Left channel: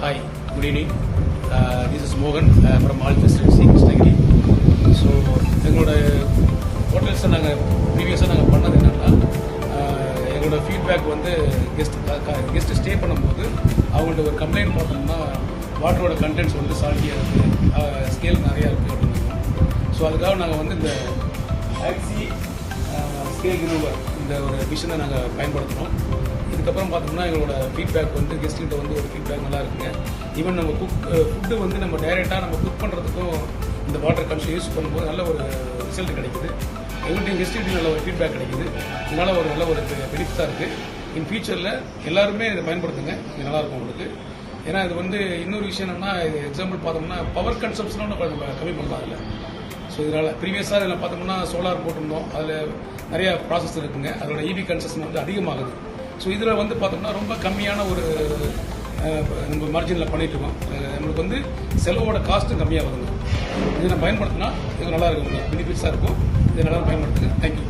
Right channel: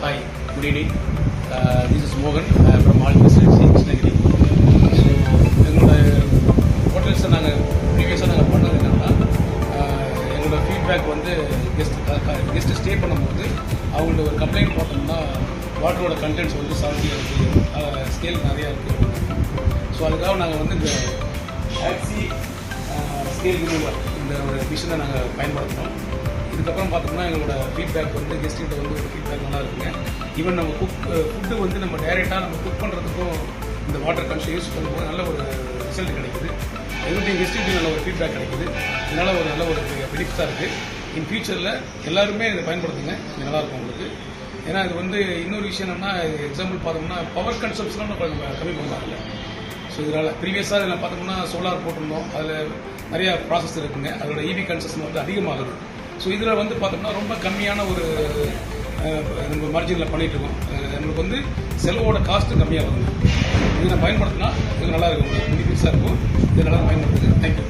Hi, good evening. This is Mohan from Alpha Facility, Krishnagiri. So எங்களோட ஹோட்டல்ஸை நாங்கள் ப்ரீவியஸாக நாங்கள் பண்ணது என்னென்னா எங்களோட ஃபீட்பேக் வந்து கெஸ்ட்டு ஸ்டே பண்ணும்போது அவங்கள்ட்ட ஒரு கம்ப்ளைண்ட் போட்டோம்னா வாட்டரோட கண்டென்ட்ஸ் வந்து சால்ட்டியாக இருக்குது, ஸ்கேல் நிறையா இருக்குது அப்படின்னா. ஸோ அதுக்காக நாங்கள் வந்து இந்த ஆக்சி ஸ்கேல் ரிமூவர் இந்த ஒரு மிஷினை நாங்கள் பயன்படுத்துகிறோம். இதுக்கப்புறம் பார்த்தோம்னா எங்களோட ஃபீட்பேக் வந்து கெஸ்ட்கிட்ட வந்து ஒரு ஃபீட்பேக் நல்லா இருக்குங்க. ஈவன் நம்ம ஃபுட்டு வந்து நம்ம டைரெக்டாக நம்ம குக் பண்ணுறதுக்கும் இந்த வாட்டர் கன்ஸ் யூஸ் பண்ணும்போது நல்ல ஒரு ரிசல்ட் கிடைக்குது. எங்களுடைய கெஸ்ட்டுக்கு நல்ல ஒரு ஃபீட்பேக் கிடைக்குது. இதனால் ஒரு நல்ல ஒரு பெனிஃபிட்டாக இருக்குது. இன் ஃபியூச்சரில் எல்லாருமே இதை பயன்படுத்துங்க, இது நல்லாயிருக்கும் உங்களுக்கு. ஏன்னா இது வந்து இன்னொரு விஷயம் என்னென்னா, எக்ஸாம்பிள் பார்த்தோம்னா பவர் கன்சம்ஷன்லாம் நம்ம கம்மி பண்ணலாம் இல்லை. ஸோ இதனால் ப்ரீவியஸாக இதில் பார்த்தோம்னா சோலார் போட்டிருந்தோம், அதில் நிறையா ப்ராசஸ் இருக்குங்க. அதோட இபி கன்சம்ஷன் வந்து அதிகமாகுது. ஸோ இதில் வந்து பார்த்தோம்னா ரொம்ப கம்மியான ஒரு நம்ம மார்ஜினில் பண்ணிகிட்ருக்கோம். நம்மளுக்கு வந்து செலவோட காஸ்ட்டும் கம்மியாக வருதுங்க. இதை நான் பயன்படுத்தினா இது நல்லா இருக்கும், பெனிஃபிட்ஸாக இருக்கும். இதை நல்லா பயன்படுத்துங்க. தேங்க்யூ.